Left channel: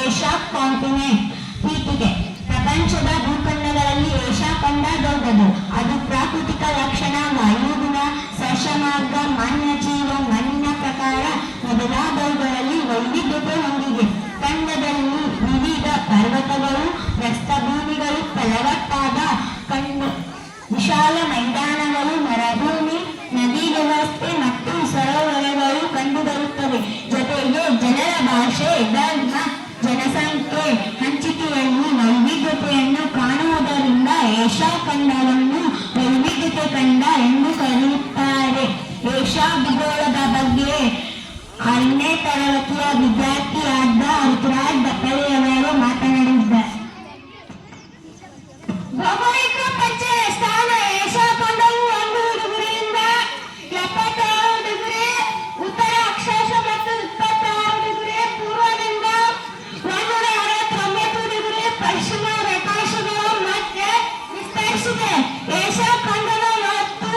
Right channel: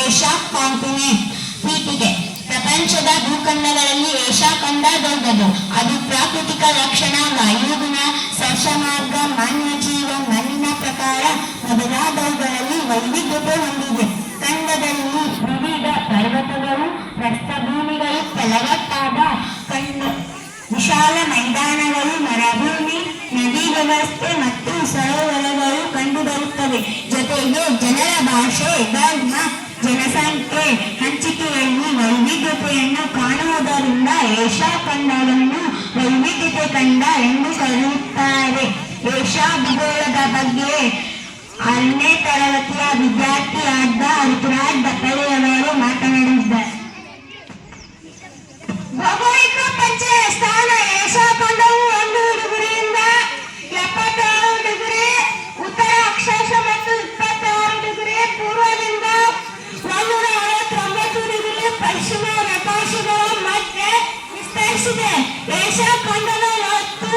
Asia continent. ಹೀಗೆ ಪ್ರಪಂಚದ ಭೂಖಂಡಗಳಲ್ಲಿ Asia ಖಂಡ ದೊಡ್ಡದು. ಅದು ಪ್ರಾಕೃತಿಕ ಲಕ್ಷಣ, ವಾಯುಗುಣ, ಸಸ್ಯಮಾರ್ಗ, ಮಾನವ ಜೀವ, ಮಣ್ಣಿನ ಪ್ರಕಾರ ಮೊದಲಾದವುಗಳಲ್ಲಿ ವೈವಿಧ್ಯತೆ ಹೊಂದಿದೆ. ಖಂಡದಲ್ಲಿ ವಿವಿಧ ಪರ್ವತಗಳು, ಪ್ರಸ್ಥಭೂಮಿಗಳು, ಫಲವತ್ತಾದ ವಿಶಾಲ ಮೈದಾನಗಳು, ಮರುಭೂಮಿ, ನದಿ ವ್ಯವಸ್ಥೆ ಮತ್ತು ಸರೋವರಗಳು ಕಂಡುಬರುತ್ತವೆ. ಜೊತೆಗೆ ಜನರ ಭಾಷೆ, ಧರ್ಮ, ಜನಸಂಖ್ಯೆ ಹಂಚಿಕೆಯಲ್ಲಿ ವೈವಿಧ್ಯತೆಯನ್ನು ಕಾಣುವುದರಿಂದ ಏಷ್ಯಾ ಖಂಡವನ್ನು ವೈವಿಧ್ಯತೆ ಖಂಡ ಎಂದು ಕರೆಯುತ್ತಾರೆ. ಏಷ್ಯಾ ಭೂಗೋಳದ ಬಗ್ಗೆ 6ನೇ ತರಗತಿಯ ವಿದ್ಯಾರ್ಥಿಯಾದ ಋತುರಾಜ್ ದಪ್ಪಳೆಯವರು ಮಾತನಾಡಿದ್ದಾರೆ. ಭೌಗೋಳಿಕ ಪರಿಚಯ. ಸ್ಥಾನ: ಏಷ್ಯಾ ಖಂಡವು 1 ಡಿಗ್ರಿಯಿಂದ 76 ಡಿಗ್ರಿ ಉತ್ತರ ಅಕ್ಷಾಂಶ ಮತ್ತು 26 ಡಿಗ್ರಿ ಪೂರ್ವದಿಂದ 149 ಡಿಗ್ರಿ ಪಶ್ಚಿಮ ರೇಖಾಂಶಗಳ ಮಧ್ಯೆ ವಿಸ್ತರಿಸಿದೆ. ಏಷ್ಯಾ ಖಂಡದ ಒಟ್ಟು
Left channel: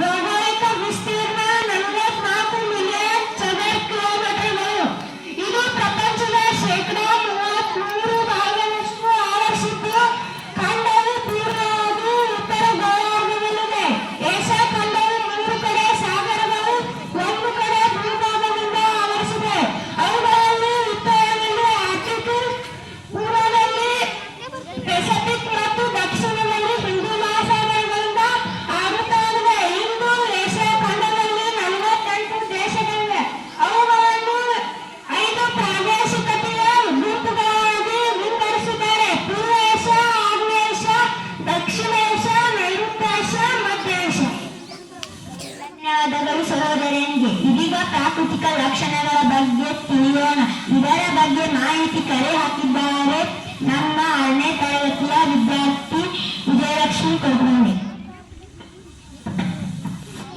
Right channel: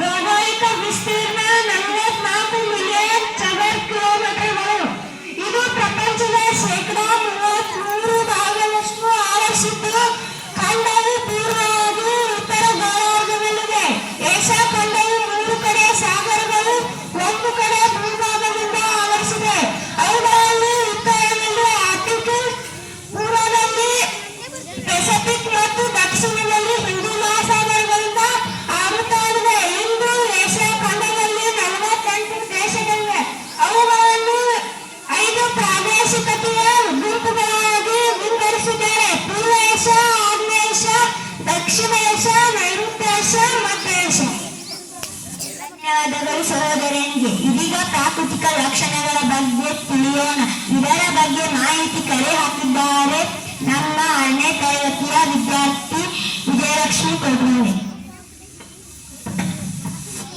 ಭೌಗೋಳಿಕ ವಿಸ್ತೀರ್ಣ 44 ಮಿಲಿಯನ್ ಚದರ ಕಿಲೋಮೀಟರ್ಗಳು. ಇದು ಪ್ರಪಂಚದ ಶೇಕಡಾ 33 ಭಾಗದಷ್ಟು ಆವರಿಸಿದ್ದು, ಖಂಡವು ಪೂರ್ವ ಹಾಗೂ ಉತ್ತರ ಗೋಳಾರ್ಧದಲ್ಲಿದೆ. ಏಷ್ಯಾ ಖಂಡವು 3 ಕಡೆ ಸಾಗರಗಳು, 1 ಕಡೆ ಭೂಭಾಗದಿಂದ ಆವರಿಸಿದೆ. ಅವುಗಳಲ್ಲಿ ಉತ್ತರದಲ್ಲಿ ಆರ್ಟಿಕ್, ಪೂರ್ವದಲ್ಲಿ ಪೆಸಿಫಿಕ್ ಮತ್ತು ದಕ್ಷಿಣದಲ್ಲಿ ಹಿಂದೂ ಮಹಾಸಾಗರಗಳಿಂದ ಆವೃತವಾಗಿದೆ. ಇಂದು ಏಷ್ಯಾ ಖಂಡದಲ್ಲಿ 48 ದೇಶಗಳಿವೆ. ಅವುಗಳನ್ನು 5 ಪ್ರಾದೇಶಿಕತೆಯ ಗುಂಪುಗಳಾಗಿ ವಿಂಗಡಿಸಿದ್ದಾರೆ: ಪೂರ್ವ ಏಷ್ಯಾ, ಆಗ್ನೇಯ ಏಷ್ಯಾ, ದಕ್ಷಿಣ ಏಷ್ಯಾ, ನೈಋತ್ಯ ಏಷ್ಯಾ, ಮಧ್ಯ ಏಷ್ಯಾ. ಧನ್ಯವಾದಗಳು ಸಹೋದರನಿಗೆ. ಇದೀಗ ಪ್ರಾಕೃತಿಕ ಲಕ್ಷಣಗಳ ಬಗ್ಗೆ ತಿಳಿಯೋಣ. ಇದರ ಬಗ್ಗೆ ಮಾಹಿತಿ ಕರೆ ಹಾಕಿದ್ದಾರೆ ನಮ್ಮ 6ನೇ ತರಗತಿಯ ವಿದ್ಯಾರ್ಥಿ ವಿಜಯಲಕ್ಷ್ಮಿ ಕೊಡ್ಮೋಳಿ.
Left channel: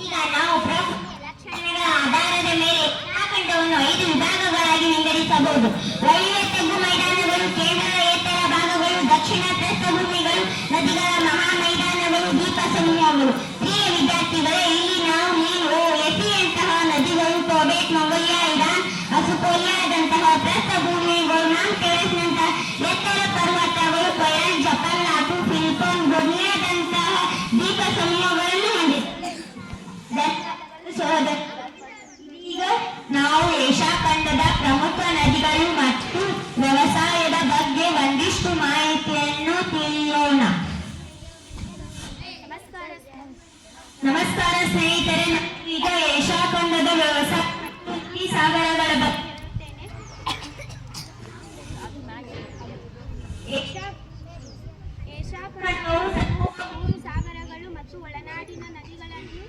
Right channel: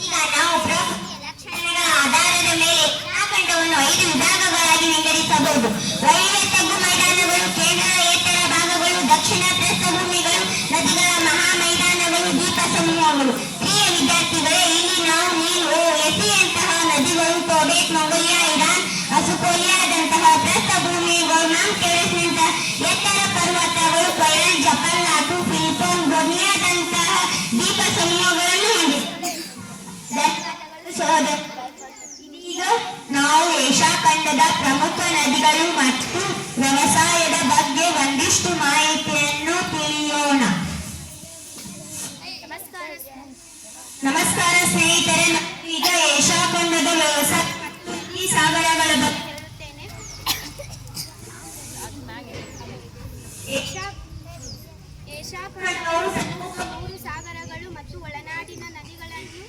ಈಗ ನಾವು ಪ್ರಾಕೃತಿಕ ಲಕ್ಷಣಗಳ ಆಧಾರದ ಮೇಲೆ ಖಂಡವನ್ನು 5 ವಿಭಾಗಗಳಾಗಿ ವಿಂಗಡಿಸಬಹುದು. ರೈಲ್ವೆ ತಗ್ಗು ಮೈದಾನಗಳು, ಕೇಂದ್ರದ ಎತ್ತರ ಭಾಗಗಳು, ದಕ್ಷಿಣ ಪ್ರಸ್ಥಭೂಮಿಗಳು, ನದಿಗಳ ಮಹಾ ಮೈದಾನಗಳು, ದ್ವೀಪ ಸಮೂಹಗಳು. ಪ್ರಿಯ ವಿದ್ಯಾರ್ಥಿಗಳೇ, ಇಲ್ಲಿ ನೀವು ಎಸಿಯಂತಹ ನದಿಗಳು, ಟೋಬೆಟ್, ಮಂಗೋಲಿಯಾ, ಇರಾನ್, ಅಸುಕೋಲಿಯಾದಂತಹ ಪ್ರಸ್ಥಭೂಮಿಗಳು, ಮೌಂಟ್ ಎವರೆಸ್ಟ್ನಂತಹ ಎತ್ತರ ಪರ್ವತಗಳು, ಕೊಯಾನ್, ಜಪಾನ್, ನಾಟು, ಫಿಲಿಪೈನ್, ಬೊರ್ನಿಯಾದಂತಹ ದ್ವೀಪ ಸಮೂಹಗಳನ್ನು ಹೊಂದಿದೆ. ಧನ್ಯವಾದಗಳು ಸಹೋದರ. ಇದೀಗ ನಾವು ಏಷ್ಯಾ ಖಂಡದ ಪ್ರಮುಖ ನದಿಗಳು ಮತ್ತು ವ್ಯವಸಾಯದ ಬಗ್ಗೆ ಒಂದಿಷ್ಟು ಮಾಹಿತಿಯನ್ನು ತಿಳಿಯೋಣ. ನಮಸ್ಕಾರ ಸ್ನೇಹಿತರೆ, ಈಗ ಏಷ್ಯಾ ಖಂಡದ ವ್ಯವಸಾಯ ಮತ್ತು ನದಿ ಸಾಗರಗಳ ಬಗ್ಗೆ ಹೇಳುತ್ತೇನೆ. ಏಷ್ಯಾ ಖಂಡವು 3 ಸಾಗರಗಳು ಮತ್ತು ಒಳನಾಡಿನ ನದಿಗಳನ್ನು.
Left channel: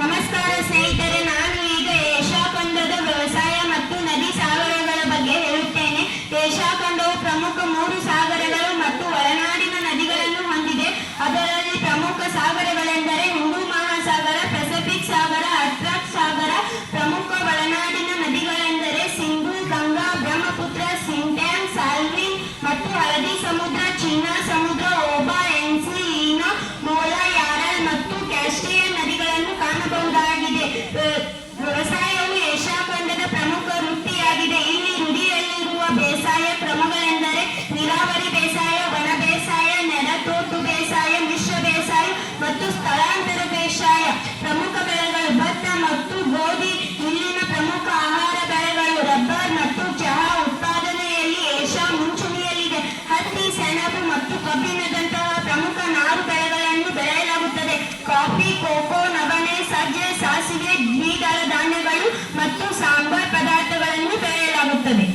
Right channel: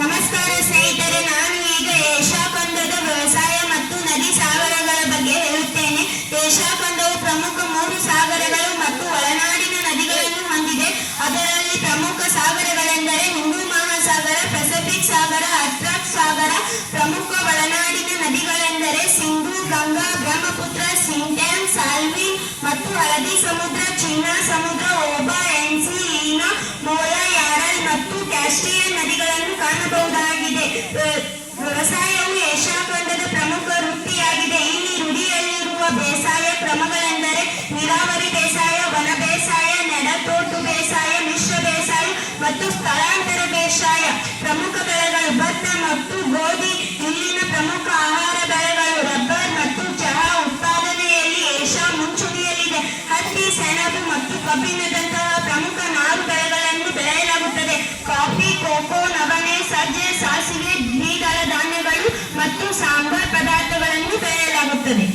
ನಮಸ್ಕಾರ ಸ್ನೇಹಿತರೆ, ನಾನು ಈಗ ಏಷ್ಯಾ ಖಂಡದ ವ್ಯವಸಾಯ ಮತ್ತು ನದಿ ಸಾಗರಗಳ ಬಗ್ಗೆ ಹೇಳುತ್ತೇನೆ. ಏಷ್ಯಾ ಖಂಡವು ಪ್ರಮುಖ 3 ಸಾಗರಗಳು ಮತ್ತು ಒಳನಾಡಿನ ನದಿಗಳನ್ನು ಹೊಂದಿದೆ. ಅದರಲ್ಲಿ ಪ್ರಮುಖ ಸಾಗರಗಳೆಂದರೆ ಹಿಂದೂ ಮಹಾಸಾಗರ, ಪೆಸಿಫಿಕ್ ಸಾಗರ, ಅಟ್ಲಾಂಟಿಕ್ ಸಾಗರ. ಪ್ರಮುಖ ಒಳನಾಡಿನ ನದಿಗಳೆಂದರೆ ಸಿಂಧೂ, ಗಂಗಾ, ಬ್ರಹ್ಮಪುತ್ರ, ಸಿಂಧ್ಯಾನ್, ಸಾಲ್ವಿನ್ ಮತ್ತು ಹಳದಿ ಸಮುದ್ರ, ಚೀನಾ ಸಮುದ್ರ, ಓಬಾ, ಎನ್ಸಿ, ಈನೋ, ಮೋಲಾ, ಯಾರಲ್ ಮತ್ತು ಕ್ಯಾಸ್ಪಿಯನ್ ನದಿಗಳನ್ನು ಕಾಣಬಹುದಾಗಿದೆ. ವ್ಯವಸಾಯವು ಏಷ್ಯಾ ಖಂಡದ ಪ್ರಮುಖ ವೃತ್ತಿಯಾಗಿದೆ. ಇಲ್ಲಿ ರೂಢಿಯಲ್ಲಿರುವ ಬೇಸಾಯ ಕ್ರಮಗಳೆಂದರೆ ನೀರಾವರಿ ಬೇಸಾಯ, ವನ ಬೇಸಾಯ, ನೆಲತೋಟು ಬೇಸಾಯ, ಮಿಶ್ರ ಬೇಸಾಯ ಮತ್ತು ಸ್ಥಳಾಂತರ ಬೇಸಾಯ. ಪ್ರಮುಖ ಬೆಳೆಗಳು ಭತ್ತ ಮತ್ತು ಗೋಧಿ ಇಲ್ಲಿನ ಪ್ರಮುಖ ಆಹಾರ ಬೆಳೆಗಳು. ರಬ್ಬರ್ ಮತ್ತು ಚಹಾ ಉತ್ಪಾದನೆಯಲ್ಲಿ ಏಷ್ಯಾ ಮುಂಚೂಣಿಯಲ್ಲಿದೆ. ಹತ್ತಿ, ಸೆಣಬು ಮತ್ತು ಕಬ್ಬಿಣದಂತಹ ಪ್ರಮುಖ ನಾರು ಬೆಳೆಗಳನ್ನು ಬೆಳೆಯಲಾಗುತ್ತದೆ. ಕಾಫಿ, ಕೋಕೋ, ನವಣೆ, ಸಜ್ಜೆ, ಸಾಸಿವೆ, ದ್ವಿದಳ ಧಾನ್ಯಗಳು ಮತ್ತು ಸಾಂಬಾರ್ ಪದಾರ್ಥಗಳನ್ನು ಬೆಳೆಯಲಾಗುತ್ತದೆ.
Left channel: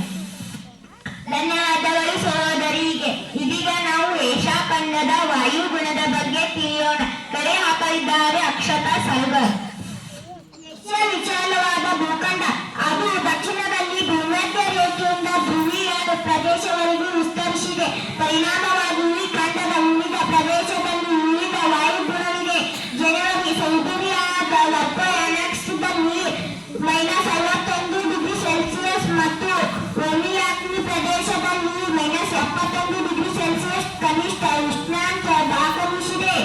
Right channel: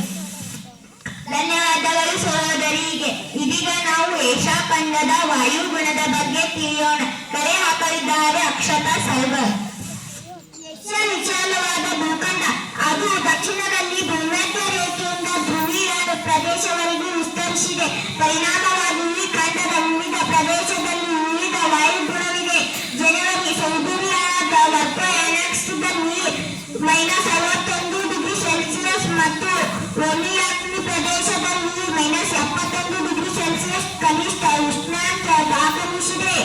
ಧನ್ಯವಾದಗಳು ಸಹೋದರಿಗೆ. ಇದೀಗ ನಾವು ಏಷ್ಯಾ ಖಂಡದ ವಾಯುಗುಣದ ಬಗ್ಗೆ ತಿಳಿಯೋಣ. ಕರೆ ಹಾಕಲಿದ್ದಾರೆ ಅಕ್ಷತಾ ಸಲ್ಗರ್. ಏಷ್ಯಾ ವಿಶಾಲವಾದ ಭೂಖಂಡ. ಅದು ದಕ್ಷಿಣದಲ್ಲಿ ಭೂಮಧ್ಯ ರೇಖೆಯಿಂದ ಧ್ರುವೀಯ ಪ್ರದೇಶವರೆಗೂ ವಿಸ್ತರಿಸಿದೆ. ಪರಿಣಾಮವಾಗಿ ಈ ಖಂಡದ ವಿವಿಧ ಪ್ರದೇಶದಲ್ಲಿ ವಿವಿಧ ವಾಯುಗುಣವಿದೆ. ಜನವರಿ ಸೈಬೀರಿಯಾದ ವರ್ಕೋಯಾನಕ್ಸ್ನಲ್ಲಿ -61 ಡಿಗ್ರಿ ಸೆಲ್ಸಿಯಸ್ ಮತ್ತು ಒಮಿಯಾಕ್ನಿ ಪ್ರದೇಶದಲ್ಲಿ -71 ಡಿಗ್ರಿ ಸೆಲ್ಸಿಯಸ್ ಕನಿಷ್ಠ ಉಷ್ಣಾಂಶ ದಾಖಲಿಸಿದೆ.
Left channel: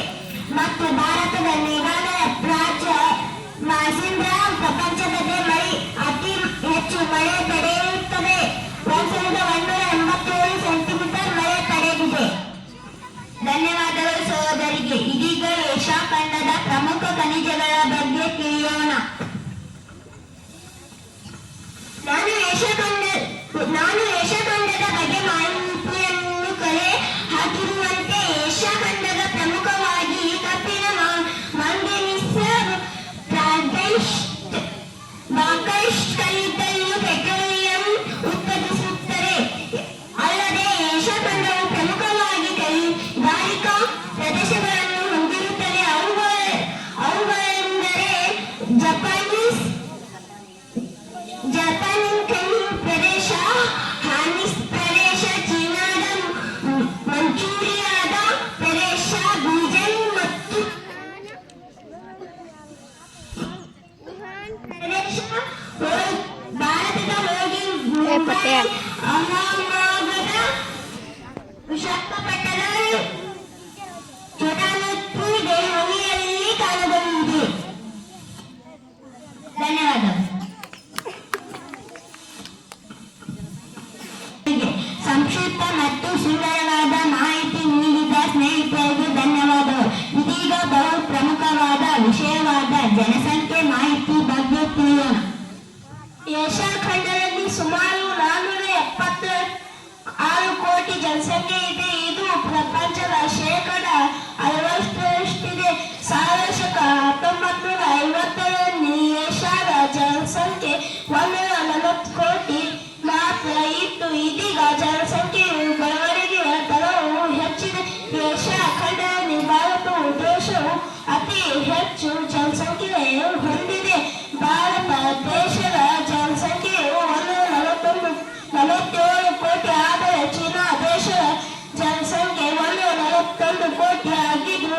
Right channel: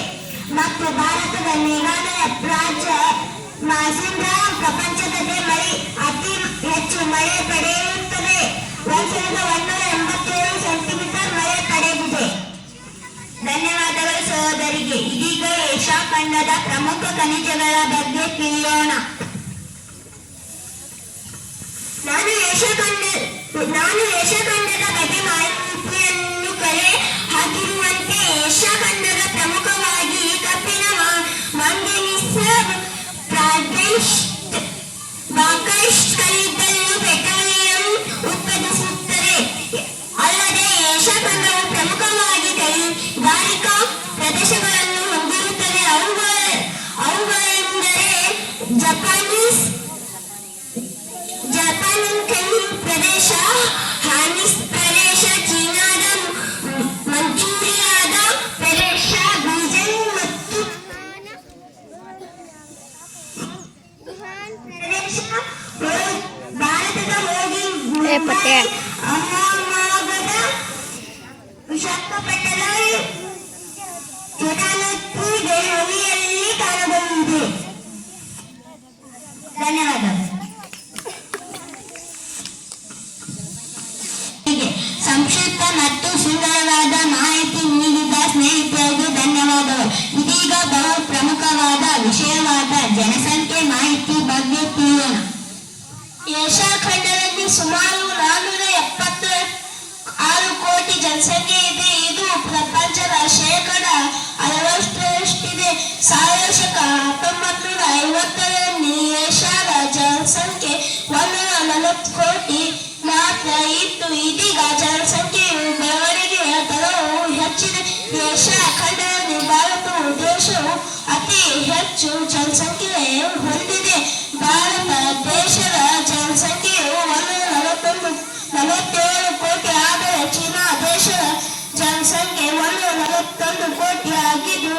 ಮತ್ತು ಭಾರತದ ಮೇಘಾಲಯ ರಾಜ್ಯ ಮಾಸಿಂದ್ರಾ ಪ್ರಪಂಚದ ಮಳೆ ಅತಿ ಹೆಚ್ಚು ಮಳೆ ಪಡೆಯುತ್ತದೆ. 1187 ಸೆಂಟಿಮೀಟರ್ ಮಳೆ ಪಡೆದಿದೆ. ಧನ್ಯವಾದಗಳು ಸಹೋದರಿಗೆ. ಇದೀಗ ಏಷ್ಯಾ ಖಂಡದ ಪ್ರಮುಖ ಖನಿಜಗಳ ಬಗ್ಗೆ ತಿಳಿಯೋಣ. ನಾನು ಏಷ್ಯಾ ಖಂಡದ ಬಗ್ಗೆ ಮಾಹಿತಿಯನ್ನು ಕಲೆ ಹಾಕಿರುವಂತೆ ಏಷ್ಯಾ ಖಂಡದ ಪ್ರಮುಖವಾಗಿ ಕಬ್ಬಿಣ, ಮಾಂಗನೀಸ್, ಬಾಕ್ಸೈಟ್, ಕಲ್ಲಿದ್ದಲು, ಪೆಟ್ರೋಲಿಯಂ ಉತ್ಪಾದಿಸುತ್ತದೆ. ಅಲ್ಲದೆ ಏಷ್ಯಾ ಖಂಡವು ಪ್ರಮುಖವಾಗಿ ಕೈಗಾರಿಕಾ ಪ್ರದೇಶಗಳನ್ನು ಹೊಂದಿರುತ್ತದೆ. ಅವುಗಳೆಂದರೆ ಜಪಾನ್ ಪ್ರದೇಶ, ಹಾನಿಸ್ ಪ್ರದೇಶ, ಚೀನಾದ ಮಂಚೂರಿಯಾದ ಪ್ರದೇಶ, ಬೀಜಿಂಗ್ ಮತ್ತು ವುಹಾನ್ ಪ್ರದೇಶ, ಭಾರತದ ಹೋಗಿ ಪತ್ತೆ. ಅಹಮದಾಬಾದ್, ವಿಶಾಖಪಟ್ಟಣ, ಛೋಟಾ ಮತ್ತು ದೆಹಲಿಯಲ್ಲಿ ಕಾಣಬಹುದು. ಧನ್ಯವಾದಗಳು. ಸಂಕ್ಷಿಪ್ತ ಮತ್ತು ಸುಂದರವಾದ ಮಾಹಿತಿ ನೀಡಿದ ಸ್ನೇಹಿತರಿಗೆ ಧನ್ಯವಾದಗಳು. ಇದೀಗ ಬಹು ಪ್ರಮುಖವಾದ ವಿಷಯವಾದ ಜನಸಂಖ್ಯೆ ಮಾಹಿತಿ ಬಗ್ಗೆ ತಿಳಿಯೋಣ. ಏಷ್ಯಾ ಖಂಡದಲ್ಲಿ ಸುಮಾರು 476 ಕೋಟಿ ಜನಸಂಖ್ಯೆ ಇದೆ. ಇದು ಪ್ರಪಂಚದ 60% 1950ರಲ್ಲಿ ಏಷ್ಯಾದ ಜನಸಂಖ್ಯೆ 140 ಕೋಟಿ ಮಾತ್ರ ಇತ್ತು. ಇದೀಗ ಜನಸಂಖ್ಯೆಯು ಬೆಳವಣಿಗೆಯ ದರವು ಹೆಚ್ಚಿದೆ. ಏಷ್ಯಾ ಖಂಡದಲ್ಲಿ ಭಾರತವು ದೇಶವು ಅತಿ ಹೆಚ್ಚು ಜನಸಂಖ್ಯೆ ಹೊಂದಿದೆ. ಭಾರತ ದೇಶದ ಜನಸಂಖ್ಯೆಯು 147 ಕೋಟಿ ಆದರೆ ಚೀನಾ ದೇಶದ ಜನಸಂಖ್ಯೆ 141 ಕೋಟಿ ಆಗಿದ್ದು